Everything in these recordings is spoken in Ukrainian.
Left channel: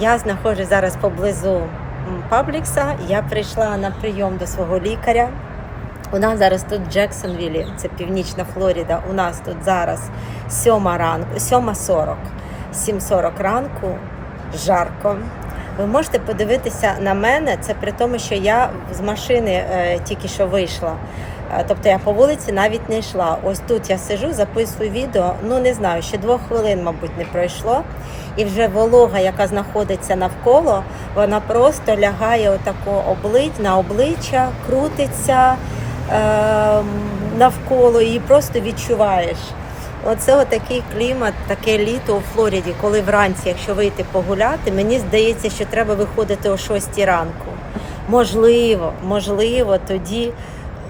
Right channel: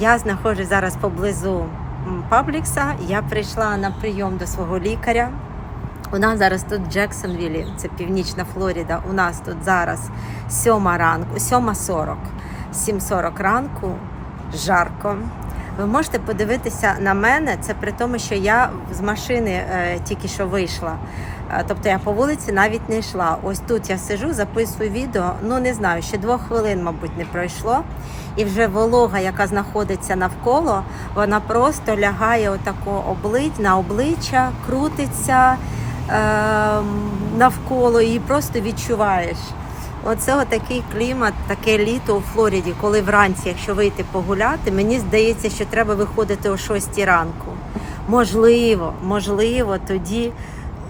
Я знаходжусь зараз поблизу Паблікса. Я прийшла на прийом до свого лікаря. У нас зараз тут Джексонвілі, це північна Флоріда. У нас тут зараз 7 ранку, 7.40, 7.40 ранку, жарко. Ви можете подивитися на мене, це при тому, що я з машини е, тільки що вийшла. Е, Тобто я по вулиці навіть не йшла. Ось тут я сижу, записую відео. Ну не знаю, ще двох хвилин, мабуть, не пройшло. І вже волога, яка знаходиться навколо, вона просто лягає отако облич, на обличчя, крутиться е, навколо і просто відчуваєш. Оце такий клімат, таке літо у Флориді, коли вранці, якщо вийти погуляти, мені здається, що треба виходити о 6 ранку. Можливо, можливо, тоді,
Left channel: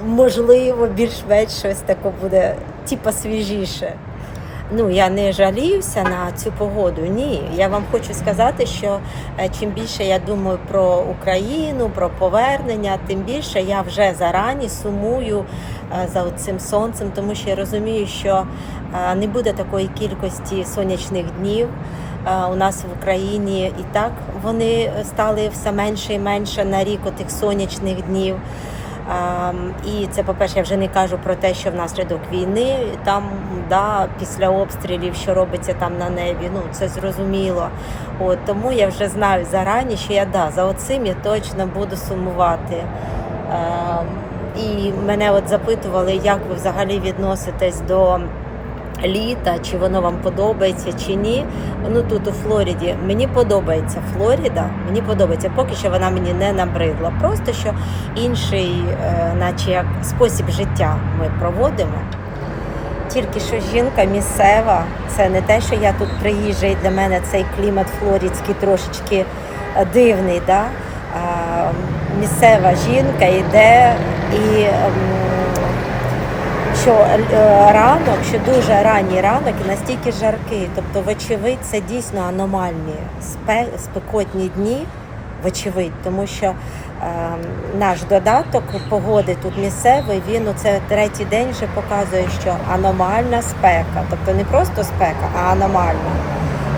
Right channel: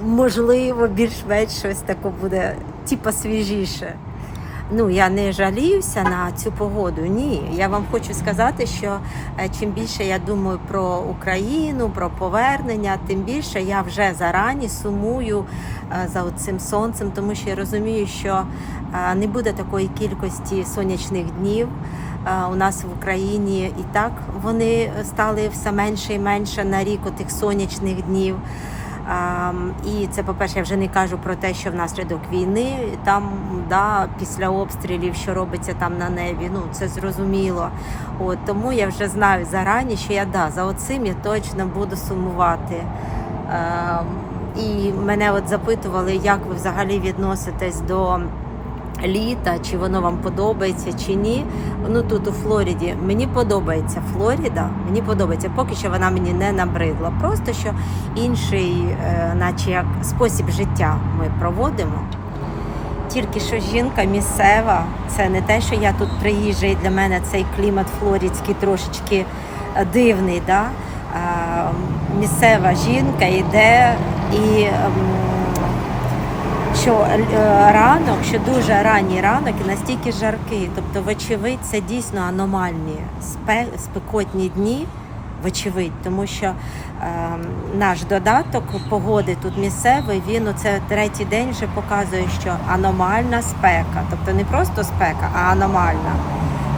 можливо, більш-менш щось таке буде, типа свіжіше. Ну, я не жаліюся на цю погоду. Ні. Я вам хочу сказати, що е, чим більше я думаю про Україну, про повернення, тим більше я вже зарані сумую е, за цим сонцем, тому що я розумію, що е, не буде такої кількості сонячних днів. У нас в Україні і так вони стали все менше і менше на рік отих сонячних днів. І це, по-перше, я вже не кажу про те, що внаслідок війни там да, після обстрілів, що робиться там на небі. Ну це зрозуміло. От тому я вже знаю зарані, що я да за оцим я точно буду сумувати. І мене от запитували, як ви взагалі відноситесь до літа, чи воно вам подобається чи ні. Ну тут у Флориді мені подобається Флорида, мені подобається, поки що вона мені не набридла. Просто що інший, е, наче як спосіб життя ми проводимо. Тільки що жінка місцева, це не те, що я тут приїжджа, і для мене цей клімат флоридський трошечки е, дивний. Да? Місцева жінка йде і ем, що е, ранок, що дуже ранній ранок і настільки жаркий. Тобто, вочевидь, це дійсно аномальні спекотні дні, вочевидь, тому що е, наш додаток погоди тут місцевий, він оце третій день вже показує, що аномальна спека. Тобто не просто спека, а аномальна.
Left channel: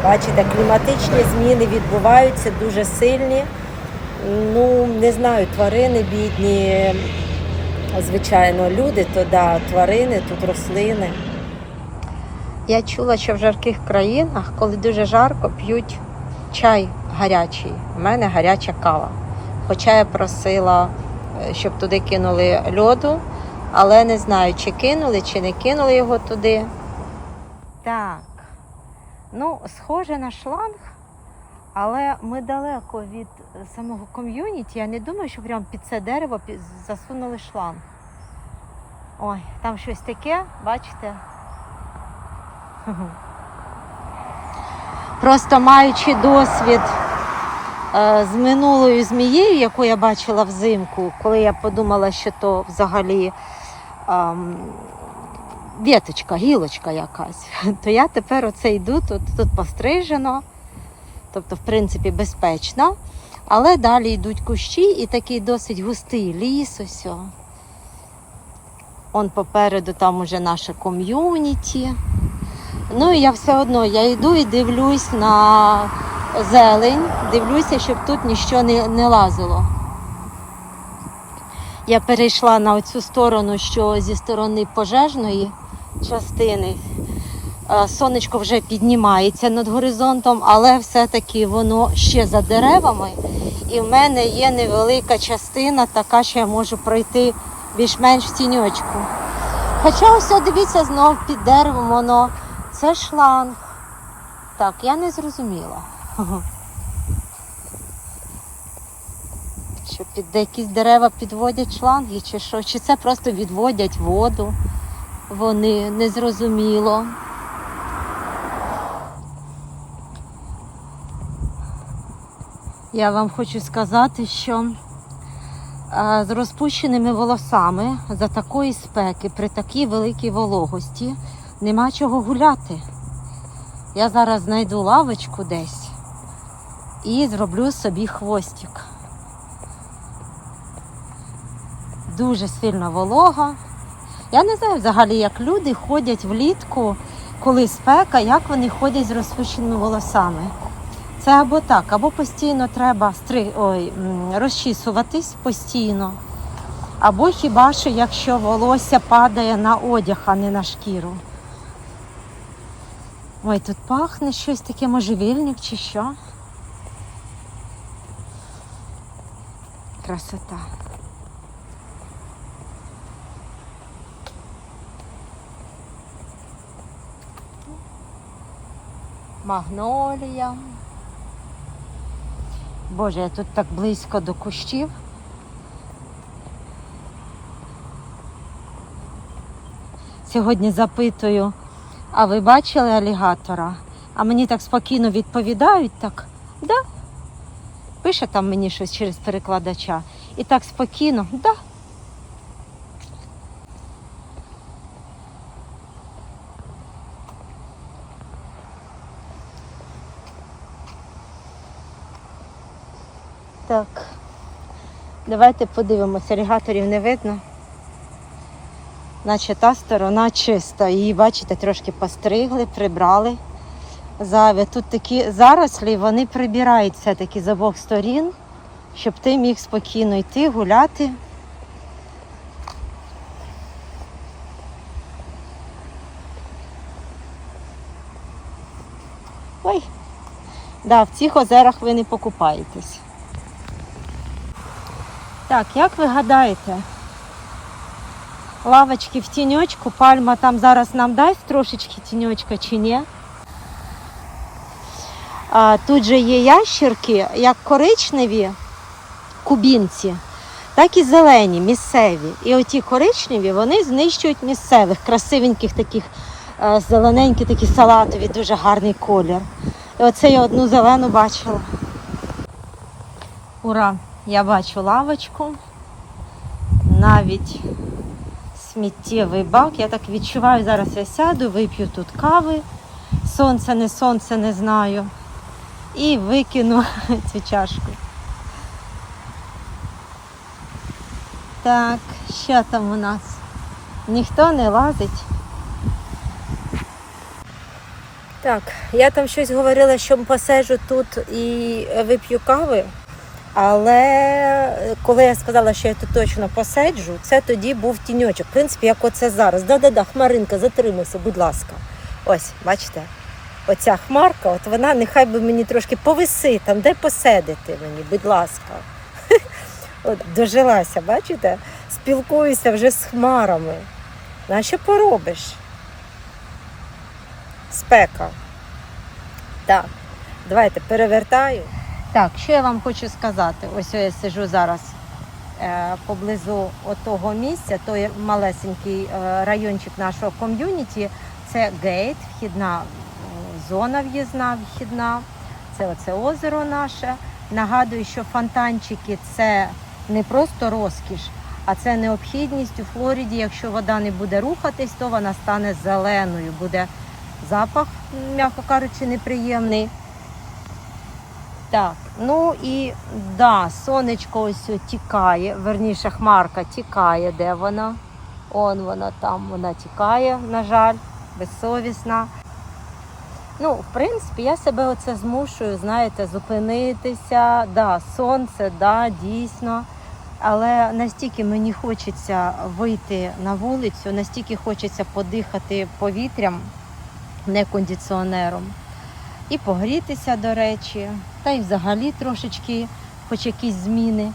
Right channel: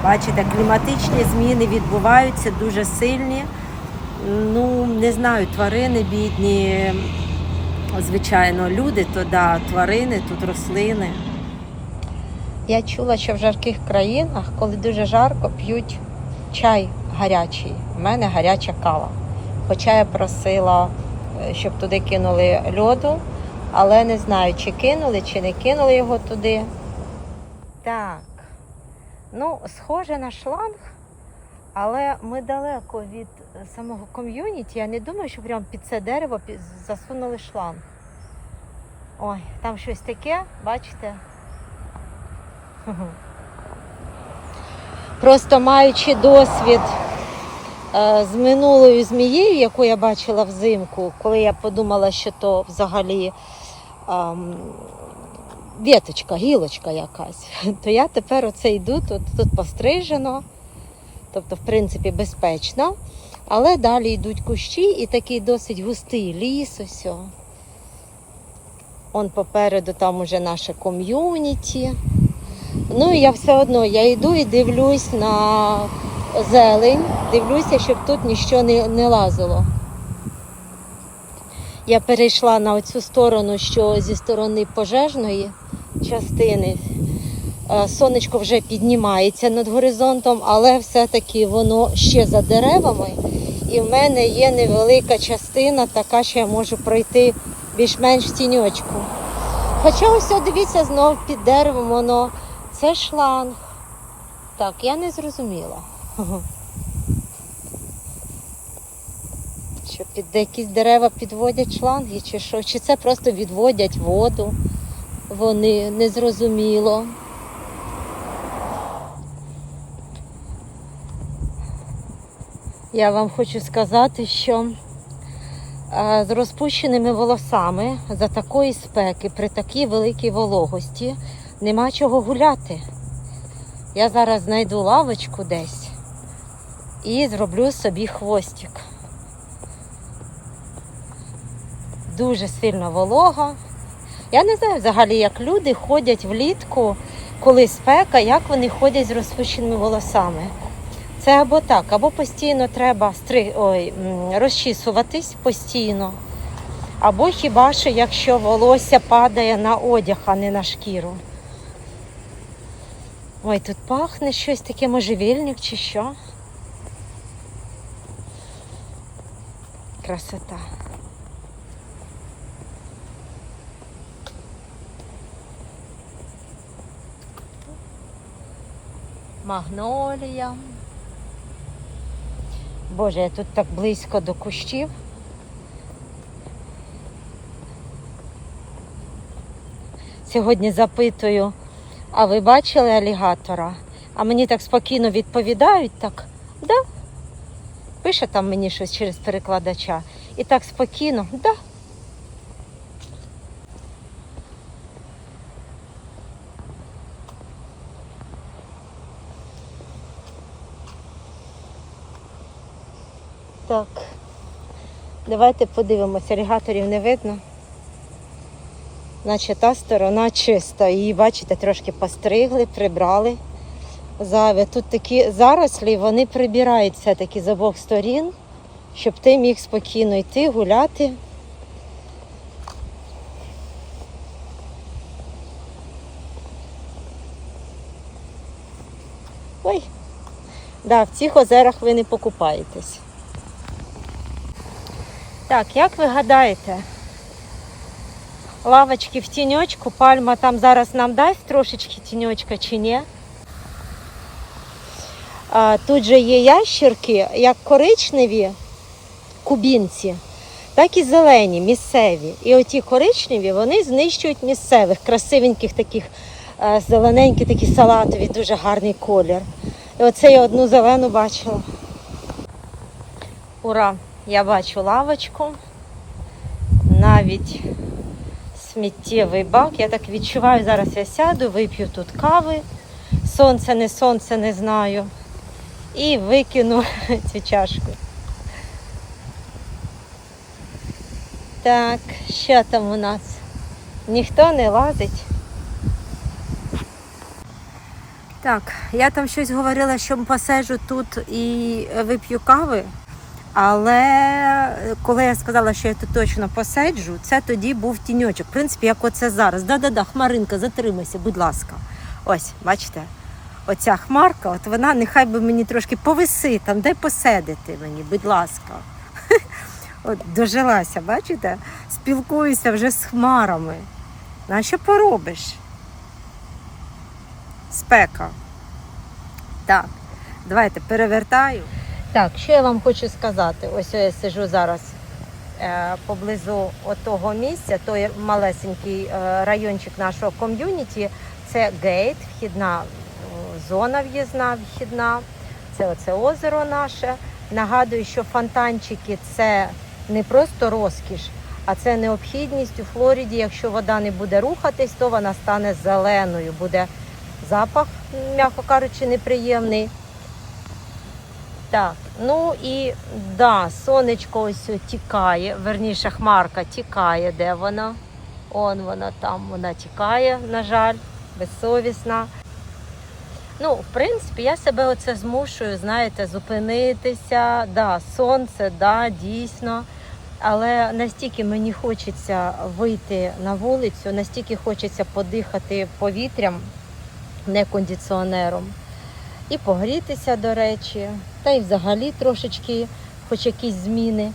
Бачите, кліматичні зміни відбуваються дуже сильні. Ну, не знаю, тварини бідні, звичайно, люди, то да, тварини, тут рослини. Я чула, що в жарких країнах, коли дуже жарко, п'ють чай гарячий. У мене гаряча кава. Хоча я просила, е, щоб туди кинули льоду, але не знаю, чи кинули, чи не кинули його туди. Так. Ну, схоже на шланг, але ми далеко від самого ком'юніті. Я не думаю, що прямо під це дерево засунули шланг. Ой, там щось таке, бачите? Просто маючи досвід е, з минулою змією, яку я бачила взимку, коли я подумала, що то взагалі ем, віточка, гілочка якась, то я тепер оце йду, тут, тут пострижено, тобто, в принципі, безпечно. Але далі йдуть кущі і такий досить густий ліс. Ось. Он попереду там уже наше ком'юніті. Ну і я все одно я йду і дивлюсь на зелень, дивлюся, щоб тут нічого не, не лазило. Я перейшла на цю сторону, що зі сторони пожежної частини. Е, Сонечко вже піднімається над горизонтом, але все-таки воно ще за деревами. І в мене є невелика частина, така, що я можу пройти більш-менш в тіньочку. Хоча ось дивіться знов під деревом воно. Це шланг. Так, я не зрозуміла. Що під якісь дерева підводять шланги, чи що? Чи це просто відводять воду? Вони не Я вам хочу сказати, що е, з розпущеними волосами за такої спеки, при такій великій вологості, нема чого гуляти. Я зараз знайду лавочку десь і зроблю собі хвостик. Дуже сильно волога. Я не знаю взагалі, як люди ходять влітку, коли спека, як вони ходять з розпущеними волосами. Це або так, або постійно треба стри... Ой, розчісуватись постійно. Або хіба що якщо волосся падає на одяг, а не на шкіру. Ой, тут пахне щось таке можжевільник чи що. Красота. Магнолія. Боже, я тут так близько до кущів. Сьогодні запитую, а ви бачили алігатора? А мені так спокійно відповідають, так, да. Пише там мені щось через перекладача. І так спокійно, да. Так. Давайте подивимося, алігаторів не видно. Наче та сторона чиста. Її, бачите, трошки постригли, прибрали. Зайве. Тут такі зарослі, вони прибирають все-таки з обох сторін, щоб ти міг спокійно йти, гуляти. Ой, да, в цих озерах ви не покупаєтесь. Так, як ви гадаєте, лавочки в тіньочку, пальма там зараз нам дасть трошечки тіньочка чи ні? А, тут же є ящерки, як коричневі кубінці, так і зелені, місцеві. І оті коричневі вони знищують місцевих, красивеньких таких, е, зелененькі, такі салатові, дуже гарний колір. І оце я одну зелену бачила. Ура! Я бачу лавочку, навіть сміттєвий бак. Я так відчуваю, зараз я сяду, вип'ю тут кави. Сонце, не сонце, не знаю. І викину цю чашку. Так, що там у нас? Ніхто не лазить. Так, я там щось говорила, що посежу тут і вип'ю кави. Але коли я сказала, що я тут точно посаджу, це тоді був тіньочок. В принципі, як оце зараз. Да-да-да, хмаринка, затримайся, будь ласка. Ось, бачите, оця хмарка, от вона нехай би мені трошки повиси, там дай посидити мені, будь ласка. От дожилася, бачите? Спілкуюся вже з хмарами. А що поробиш? Спека. Так, давайте перевертаю. Так, що я вам хочу сказати? Ось я сижу зараз е, поблизу того місця, той малесенький е, райончик нашого ком'юніті. Це гейт, вхідна зона в'їзна, вхідна. Це оце озеро наше. Нагадую, що фонтанчики це не просто розкіш, а це необхідність у Флориді. Якщо вода не буде рухатись, то вона стане зеленою. Буде запах, м'яко кажучи, неприємний. Так, ну і да, сонечко ось тікає, верніше хмарка тікає, де вона? Он вона там, вона тікає, на жаль, безсовісна. Ну, в принципі, я себе оце змушую, знаєте, зупинитися. Да, сонце, да, дійсно. Але настільки мені хочеться вийти на вулицю, настільки хочеться подихати повітрям, не кондиціонером. І погрітися, до речі, та й взагалі трошечки, хоч якісь зміни.